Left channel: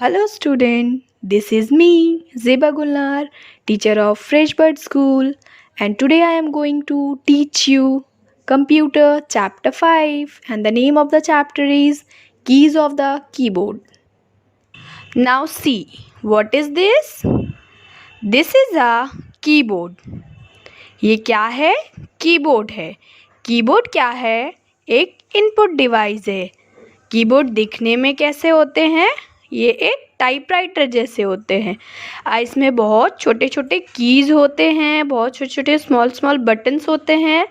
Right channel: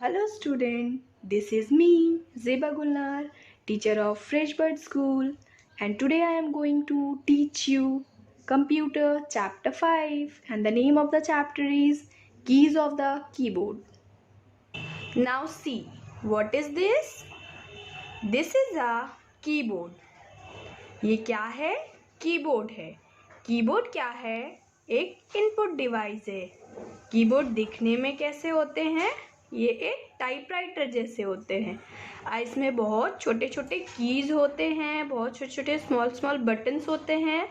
Hello student, this is me Zeba Gulnar, teacher of Freshbird School, and today I am going to teach you Computer Chapter 5, and the name of the chapter is Keys of the Keyboard. Now see, what is this? This is a keyboard. ये क्या है? Keyboard है. Keyboard क्या है? एक input device है. Keyboard दिखने में कैसे होते हैं? ये एक टाइपराइटर जैसे होते हैं. इसमें बहुत छोटे छोटे कीज़ होते हैं, बहुत छोटे छोटे स्मॉल स्मॉल बटन्स होते हैं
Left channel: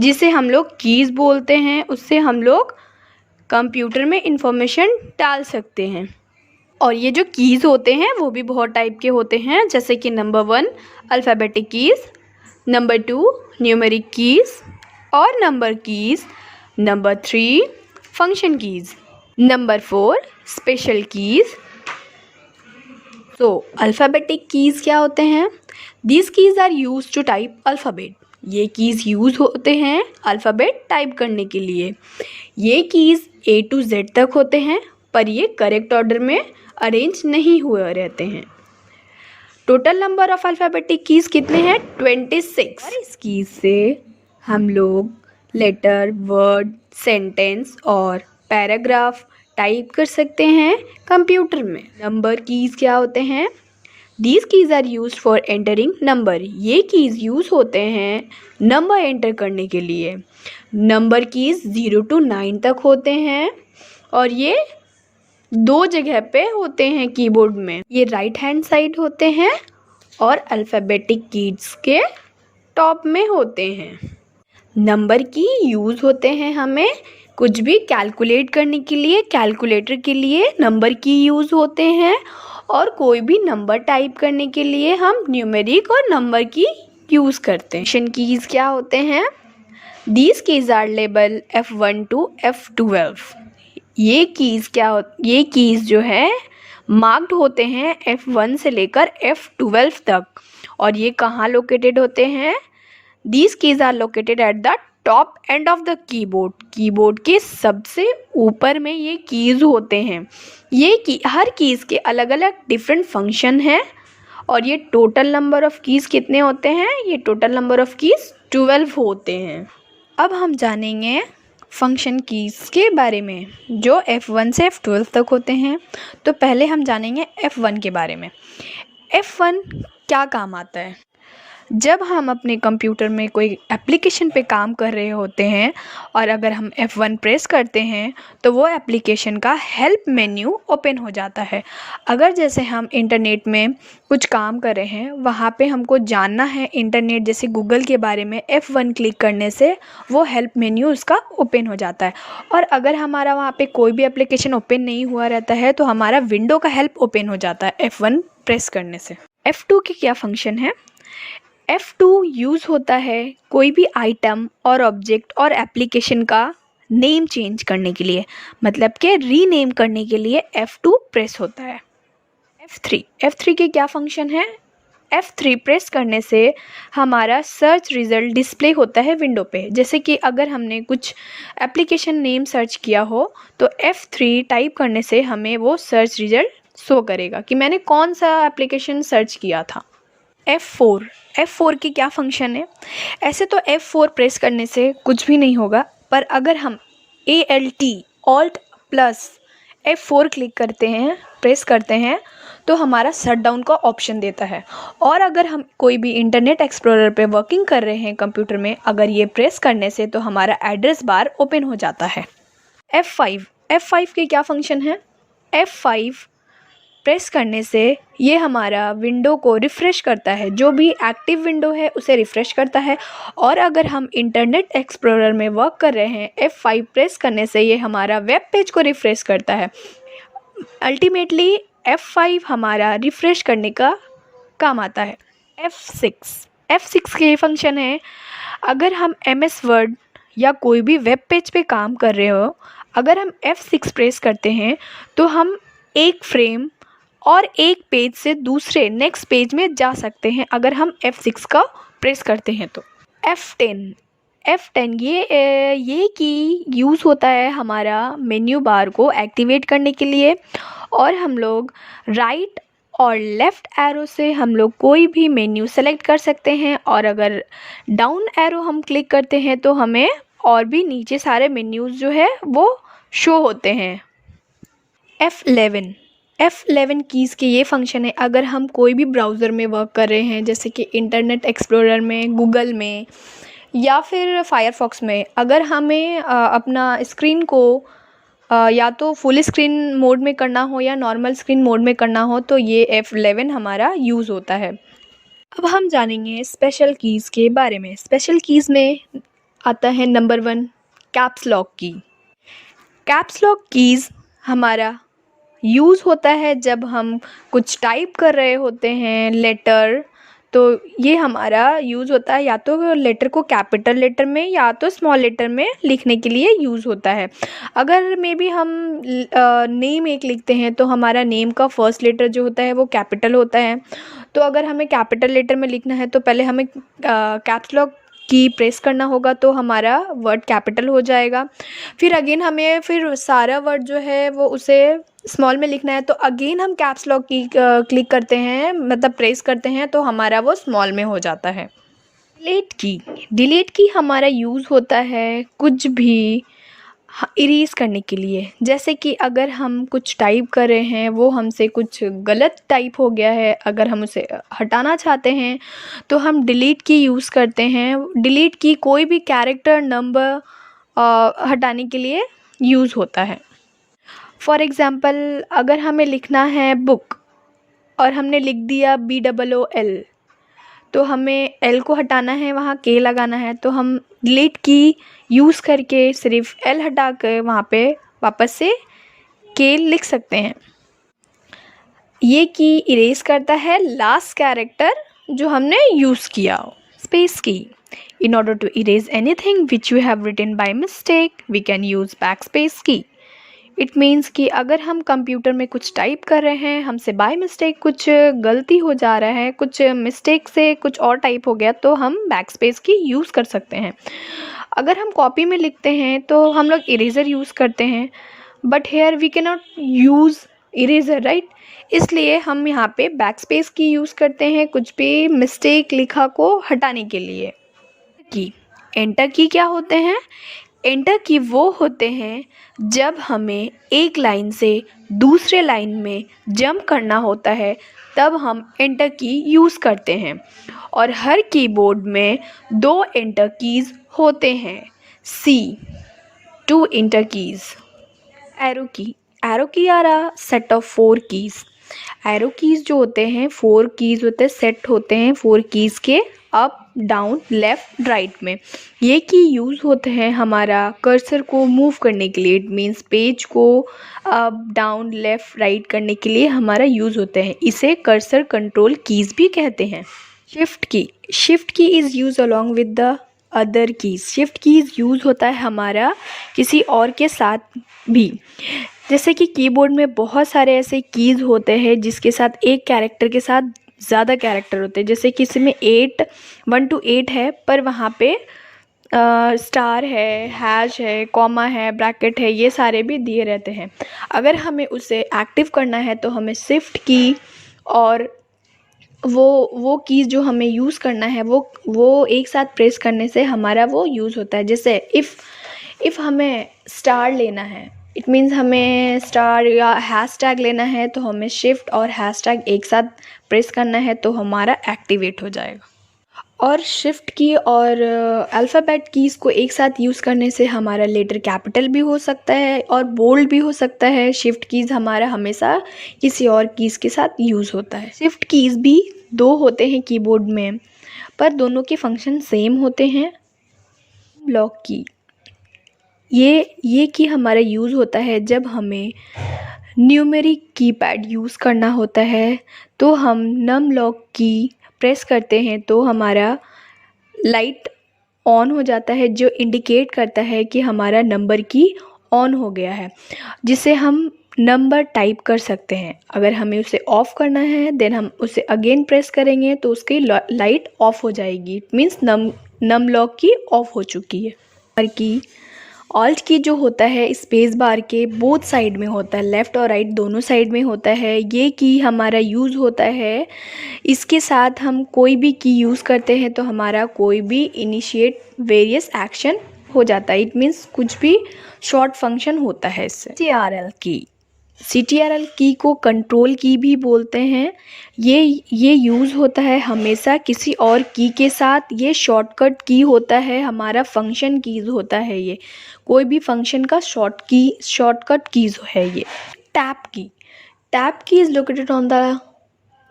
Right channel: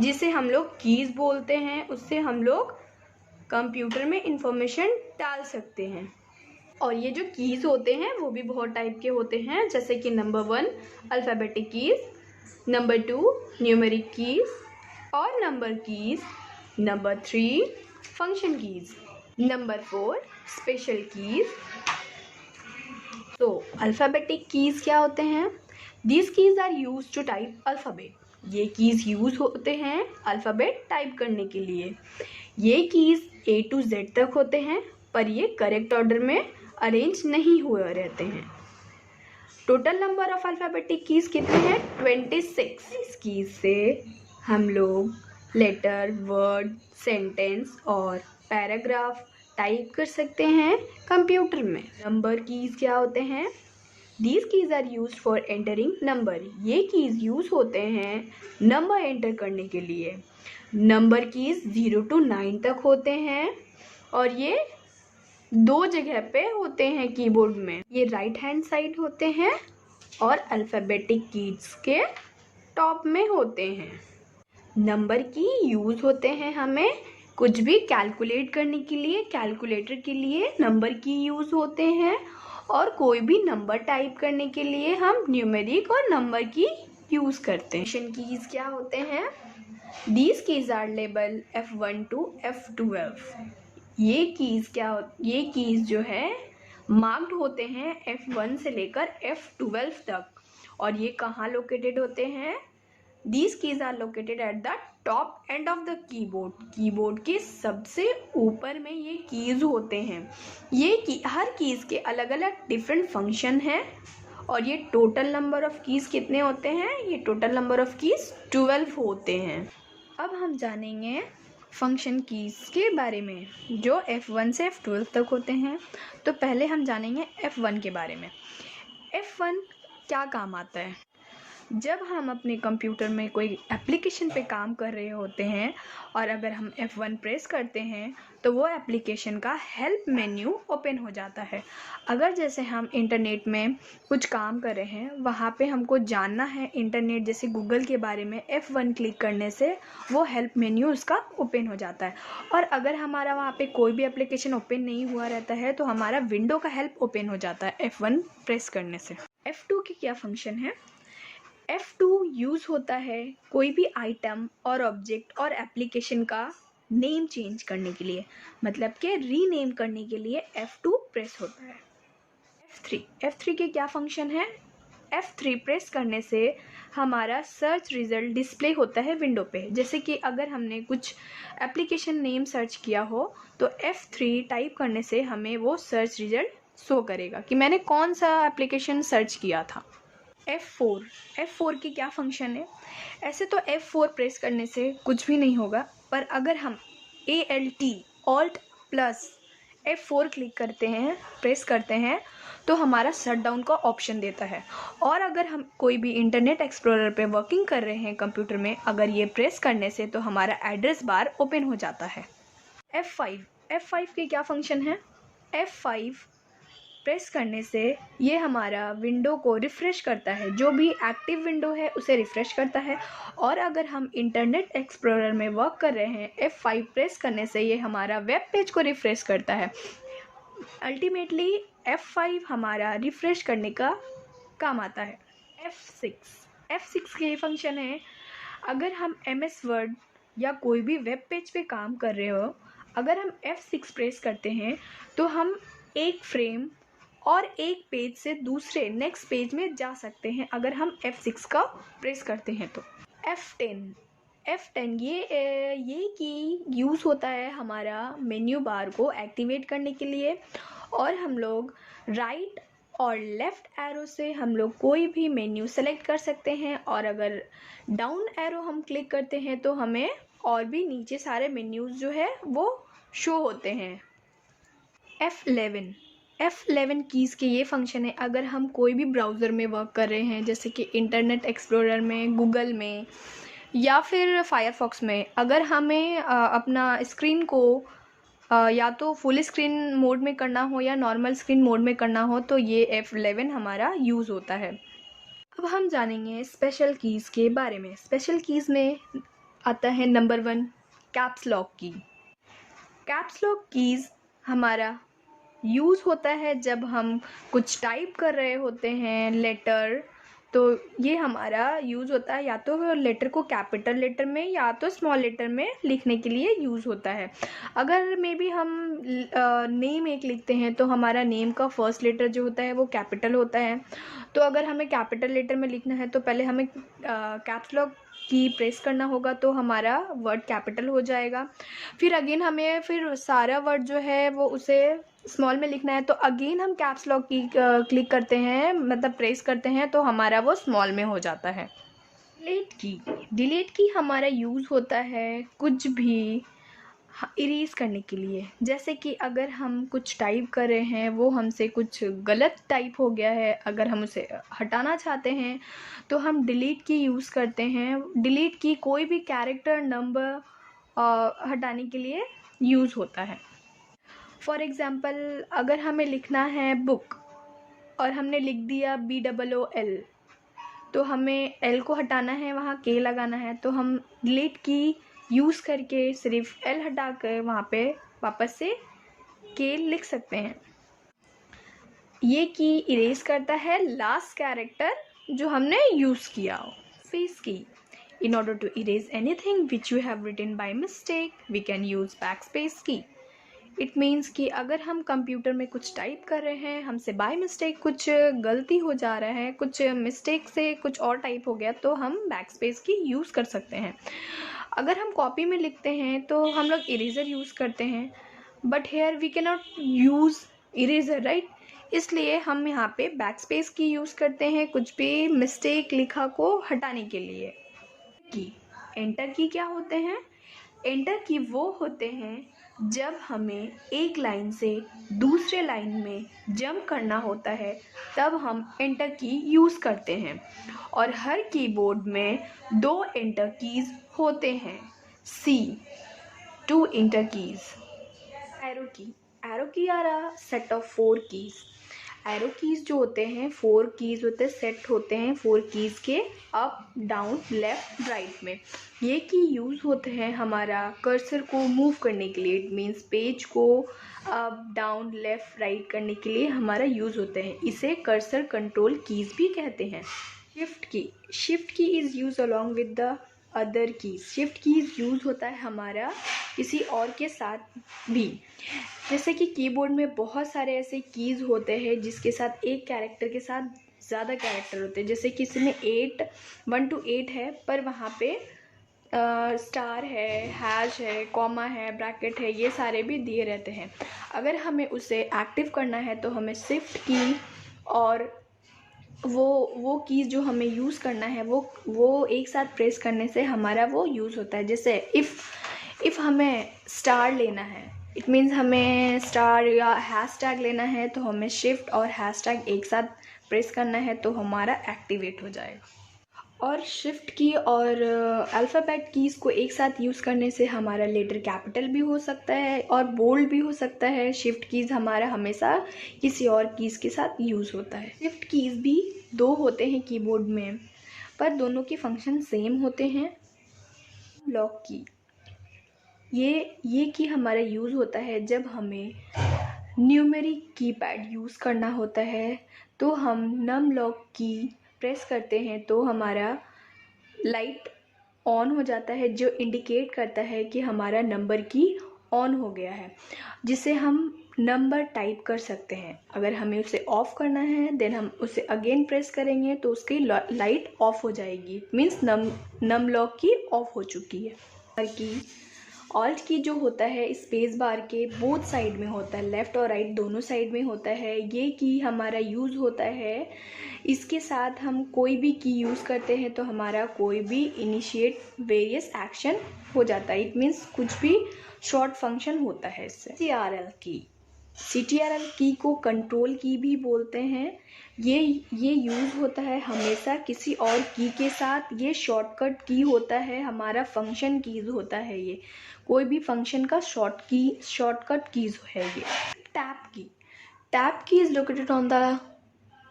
जिसे हम लोग कीज़ बोलते हैं. उससे हम लोग कंप्यूटर में इंफॉर्मेशन डाल सकते हैं. और ये जो कीज़ होते हैं वो भी बहुत टाइप के होते हैं, जैसे कि number 1 alphabetic keys, number 2 numeric keys और number keys, number 3 function keys, number 4 special keys. तो अल्फ़ाबेटिक कीज़ क्या होते हैं? These keys are use to type alphabet. ये कीज़ यूज़ होते हैं अल्फ़ाबेट टाइप करने के लिए. ये कीज़ A to Z तक होते हैं, पर ये करेक्ट ऑर्डर में अरेंज नहीं हुए रहते हैं. Total number of alphabetic keys कितने हैं? 26. और इस कीज़ से हम लोग लेटर, वर्ड, सेंटेंस और पैराग्राफ टाइप कर सकते हैं कंप्यूटर में. नंबर कीज़ क्या होते हैं? These keys are use for entering number. ये कीज़ यूज़ होते हैं नंबर एंटर करने के लिए. नंबर कीज़ 0 to 9 तक होते हैं और ये 2 जगह पे होते हैं कीबोर्ड में. ये राइट हैंड साइड होते हैं और अल्फ़ाबेटिक कीज़ के टॉप में होते हैं. नंबर की यूज़ होते हैं हमें कुछ भी कैलकुलेट करने के लिए. कैलकुलेटर के लिए नंबर की यूज़ होते हैं और कोई भी नंबर टाइप करने के लिए हम न्यूमेरिक और नंबर की यूज़ करते हैं. फंक्शन कीज़ क्या होते हैं? These keys are label F1 to F12. ये कीज़ जो है मार्क्ड होते हैं F1 से लेकर F12 तक. और ये कहाँ लोकेटेड होते हैं? These keys are located at the top end of the keyboard. Keyboard के सबसे ऊपर में ये कीज़ होते हैं. हर कीज़ के अलग अलग डिफरेंट फंक्शन हैं. और ये टोटल नंबर ऑफ़ कीज़ कितने होते हैं? ये टोटल नंबर ऑफ़ कीज़ 12 होते हैं. अब हम जानेंगे फंक्शन कीज़ के बारे में जो F1 से F12 तक होते हैं. तो पहले हम जानेंगे F1 के बारे में. F1 क्या काम आता है? जब हम अपने कंप्यूटर में कोई एप्लीकेशन पे काम कर रहे होते हैं और अगर हम F1 प्रेस करते हैं तो वो एप्लीकेशन का हेल्प मेन्यू ओपन हो जाता है. अगर जैसे हम इंटरनेट में कुछ काम कर रहे हैं, वहाँ पे हमको जानना है इंटरनेट जैसे गूगल के बारे में, F1 क्लिक करने से वो हेल्प मेन्यू उसका ओपन हो जाता है. और अगर हमारा वहाँ पे कोई भी एप्लीकेशन ओपन नहीं हुआ रहता है तो हमारा विंडो का हेल्प ओपन हो जाता है F1 प्रेस करने से. F2 के क्या फंक्शन है? F2 यूज़ होता है कोई भी आइटम और ऑब्जेक्ट और एप्लीकेशन का नेम चेंज करने के लिए, मतलब कि रीनेम करने के लिए F2 प्रेस होता है. F3 के क्या फंक्शन है? F3 प्रेस करने से हमारा सर्च रिज़ल्ट डिस्प्ले होता है विंडो पे. जैसे कि अगर हमने कुछ एप्लीकेशन नेम सर्च किया हो तो F3 टाइप करने से हमें वो सर्च रिज़ल्ट शो करेगा कि मैंने कौन सा एप्लीकेशन सर्च किया था. F4 की क्या फंक्शन है? ऐसे तो F4 प्रेस करने से कुछ भी नहीं होगा, पर अगर हम Alt प्लस F4 क्लिक करते हैं, प्रेस करते हैं तो हमारा शट डाउन का ऑप्शन देता है. और अगर हम कोई भी इंटरनेट एक्सप्लोरर पे वर्किंग कर रहे हैं कंप्यूटर में, अगर ये प्रेस करने से तो हमारा एड्रेस बार ओपन हो जाता है. F5 की क्या फंक्शन है? F5 प्रेस करने से ये हमारा विंडो को रिफ़्रेश करता है. जो भी एक्टिव विंडो है उसे रिफ़्रेश करता है. और अगर हम इंटरनेट एक्सप्लोरर में वर्क कर रहे हैं, F5 प्रेस करने से ये हमारा वेब पेज को रिफ़्रेश करता है. अल्टीमेटली F5 हमारा रिफ़्रेश करने का काम आता है. F6 के फंक्शन है, अगर हम MS वर्ड या कोई भी वेब पेज पे काम कर रहे हो, अगर हम F6 प्रेस करते हैं तो हम एक फ्रेम और एक पेज से दूसरे नेक्स्ट पेज में जा सकते हैं अगर हम F6 का प्रेस करते हैं तो. F10 ये की यूज़ होता है हमारा मेन्यू बार को एक्टिवेट करने के लिए. और हम लोग राइट और लेफ़्ट एरो से हम लोग कोई भी मेन्यू सेलेक्ट कर सकते हैं, और अगर डाउन एरो हम क्लिक करते हैं तो हमें और भी नीचे सारे मेन्यूज़ जो है वो शो होते हैं। F11 कीज़ के ये फंक्शन है अगर हम कोई भी ब्राउज़र में वर्क कर रहे हैं, जैसे कि इंटरनेट एक्सप्लोरर में, गूगल में या फिर फायरफॉक्स में। अगर हमें अपना स्क्रीन को या तो फुल स्क्रीन मोड में करना हो या नॉर्मल स्क्रीन मोड में करना हो तो ये F11 हमारा यूज़ होता है। अब हम जानेंगे स्पेशल कीज़ के बारे में। स्पेशल कीज़ में आता है नंबर 1 कैप्स लॉक की। कैप्स लॉक कीज़ हमारा यूज़ होता है जब हम कुछ टाइप कर रहे होते हैं लेटर, तो ये हमारा यूज़ होता है या तो लेटर को कैपिटल लेटर में या तो स्मॉल लेटर में लिखने के लिए यूज़ होता है। अगर मे बी हम नेम एक लिखते हैं तो हमारा नेम का फर्स्ट लेटर जो होता है वो कैपिटल होता है। तो अगर हमें कैपिटल लेटर में लिखना है तो पहले हमें कैप्स लॉक की प्रेस करना होगा तो हमारा वर्ड कैपिटल हो जाएगा। फिर अगेन हमें फिर सारा वर्ड जो है वो उसे स्मॉल में लिखना है तो अगेन हम कैप्स लॉक की क्लिक करते हैं, मतलब प्रेस करते हैं तो हमारा वो स्मॉल में हो जाता है। डिलीट की हमारा यूज़ होता है कुछ भी इरेज़ करने के लिए। जैसे कि अगर हम कुछ टाइप कर रहे हैं, वो हमसे कुछ गलत टाइप हो गया है, अगर हम उसे हटाना चाहते हैं तो हम डिलीट की यूज़ करते हैं। डिलीट की कोई भी कैरेक्टर, नंबर हटाने के लिए यूज़ होता है। फॉर एग्ज़ाम्पल अगर हमें लिखना है बुक और हमने लिख दिया BOOL, तो हमें L को हटाना है, वहाँ K लगाना है, तो हम डिलीट की यूज़ करके सिर्फ L हटा कर वहाँ पे वापस से K लिख सकते हैं। ये की इरेज़ करता है लास्ट कैरेक्टर जो हमने यूज़ किया हो। स्पेस की, in order to erase anything which you have written by mistake, we can use backspace key. It means कि अगर हम कंप्यूटर में कुछ टाइप कर रहे हैं, हमसे बाय मिस्टेक कुछ गलती हो जा रहा है, कुछ मिस्टेक से कुछ और टाइप हो गया, तो हम बैकस्पेस की यूज़ कर सकते हैं। अगर हम कॉपी में लिखते हैं तो हम लोग इरेज़र यूज़ करते हैं, but here we can not use eraser, right. इसलिए हम यहाँ पे बैकस्पेस की यूज़ करते हैं कुछ भी मिस्टेक लिखा को हटाने के लिए। की एंटर की क्या होते हैं? एंटर की वो होते हैं जब हमें एक लाइन से दूसरे लाइन में जंप करना होता है, तब हम एंटर की यूज़ करते हैं। और हर कीबोर्ड में 2 एंटर कीज़ होते हैं। See 2 enter keys. Arrow key are a set of 4 keys. Arrow keys जो होते हैं 4 कीज़ होते हैं, सेट होते हैं 4 कीज़ के, अप डाउन लेफ़्ट राइट में। ये की यूज़ होते हैं हमारा कर्सर को मूव करने के लिए। इट मीन्स पेज को अप डाउन लेफ़्ट राइट करने के लिए हमारा यूज़ होते हैं। इसे कर्सर कंट्रोल कीज़ भी कहते हैं। शिफ्ट की is use along with the other keys. Shift keys use होता है हमारा किसी और के साथ भी। जैसे कि कीबोर्ड में बहुत सारे ऐसे कीज़ होते हैं जिसके साथ एक कैरेक्टर के साथ ज़्यादा कैरेक्टर होते हैं। जैसे किसी में 1 to 8 है, पर वहाँ पे स्टार है, हैश है, कॉमा है, ब्रैकेट है, ये सारे भी दिए रहते हैं। अगर हमें उसे एक्टिव करना है तो हमें शिफ्ट की और वो कीज़ जो हमें यूज़ करना है वो एक साथ प्रेस करने से हमारा वो यूज़ होता है। जैसे इफ़ हमें स्टार लेना है, इट मीन्स हमें स्टार या हैशटैग लेना है, तो हमें शिफ्ट और हैशटैग एक साथ प्रेस करना है तो हमारा एक्टिवेट हो जाएगा। और शिफ्ट की और अल्फ़ाबेट कीज़ को एक साथ यूज़ करने से हमारा लेटर कैपिटल भी हो सकता है और बोल्ड भी हो सकता है। शिफ्ट कीज़ हमारा हमेशा किसी और कीज़ के साथ यूज़ होता है। शिफ्ट कीज़ भी 2 होते हैं कीबोर्ड में, पर दोनों के फंक्शन सेम होते हैं। लॉक की, ये की हमारा यूज़ होता है जब हमें न्यूमेरिक कीपैड यूज़ करना होता है, तो हम नम लॉक की प्रेस करते हैं तो हमारा लाइट ऑन हो जाता है, जो इंडिकेट करता है कि हमारा नंबर की ऑन हो गया है, जिससे हम नंबर टाइप कर सकते हैं। अगर हमें उसे ऑफ़ करना है देन हम उसे अगेन प्रेस करेंगे तो उसकी लाइट ऑफ़ हो जाएगी। इट मीन्स नम लॉक की ऑफ़ हो चुकी है। ऑल्ट की जो होता है स्पेस बार के बोथ साइड में होता है, लेफ़्ट और राइट दोनों साइड में होता है। ये की हमारा यूज़ होता है, इसके साथ हम कोई भी की यूज़ करते हैं तो हमारा कोई भी इनिशिएट वेरियस एक्शन हो जाता है। इट मीन्स कुछ भी शॉर्ट फंक्शन होता है इससे। CTRL की को कंट्रोल की भी बोलते हैं। ये यूज़ होता है हमेशा किसी और की के साथ। ये शॉर्टकट की होता है, हमारा फंक्शन कीज़ होता है। ये कोई भी फंक्शन का शॉर्टकट कीज़ है ये। टैब की is located on the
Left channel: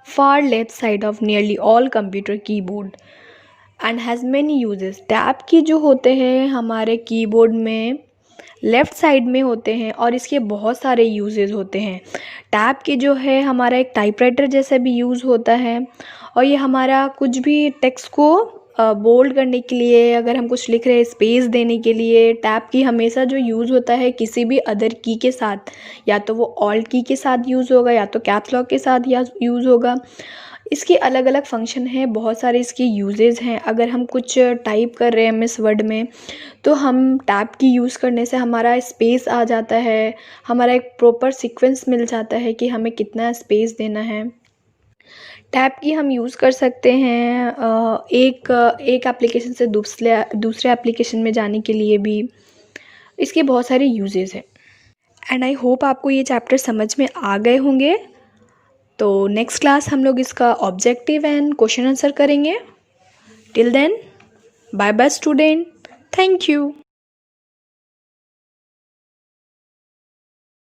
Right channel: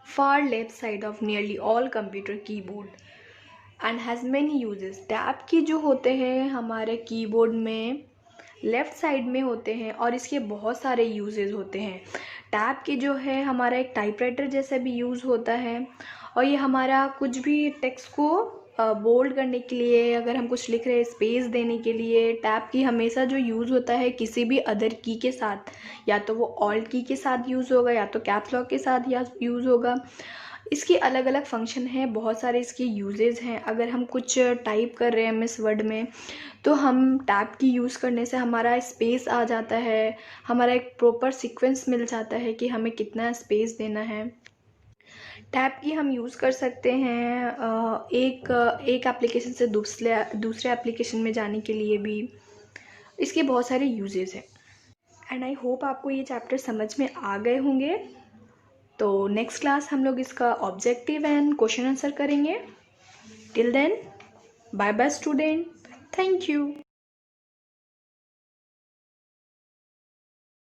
far left side of nearly all computer keyboard and has many uses। Tab की जो होते हैं हमारे कीबोर्ड में लेफ़्ट साइड में होते हैं और इसके बहुत सारे यूजेस होते हैं। टैब की जो है हमारा एक टाइपराइटर जैसा भी यूज़ होता है और ये हमारा कुछ भी टेक्स्ट को बोल्ड करने के लिए, अगर हम कुछ लिख रहे हैं स्पेस देने के लिए, टैब की हमेशा जो यूज़ होता है किसी भी अदर की के साथ, या तो वो ऑल्ट की के साथ यूज़ होगा या तो कैप्स लॉक के साथ या यूज़ होगा। इसके अलग अलग फंक्शन हैं, बहुत सारे इसके यूजेस हैं। अगर हम कुछ टाइप कर रहे हैं MS वर्ड में तो हम टैब की यूज़ करने से हमारा स्पेस आ जाता है, हमारा एक प्रॉपर सीक्वेंस मिल जाता है कि हमें कितना स्पेस देना है। टैब की हम यूज़ कर सकते हैं एक एप्लीकेशन से दूसरे एप्लीकेशन में जाने के लिए भी। इसके बहुत सारे यूजेस हैं एंड आई होप आपको ये चैप्टर समझ में आ गए होंगे। तो नेक्स्ट क्लास हम लोग इसका ऑब्जेक्टिव एंड क्वेश्चन आंसर करेंगे। Till then bye bye student, thank you.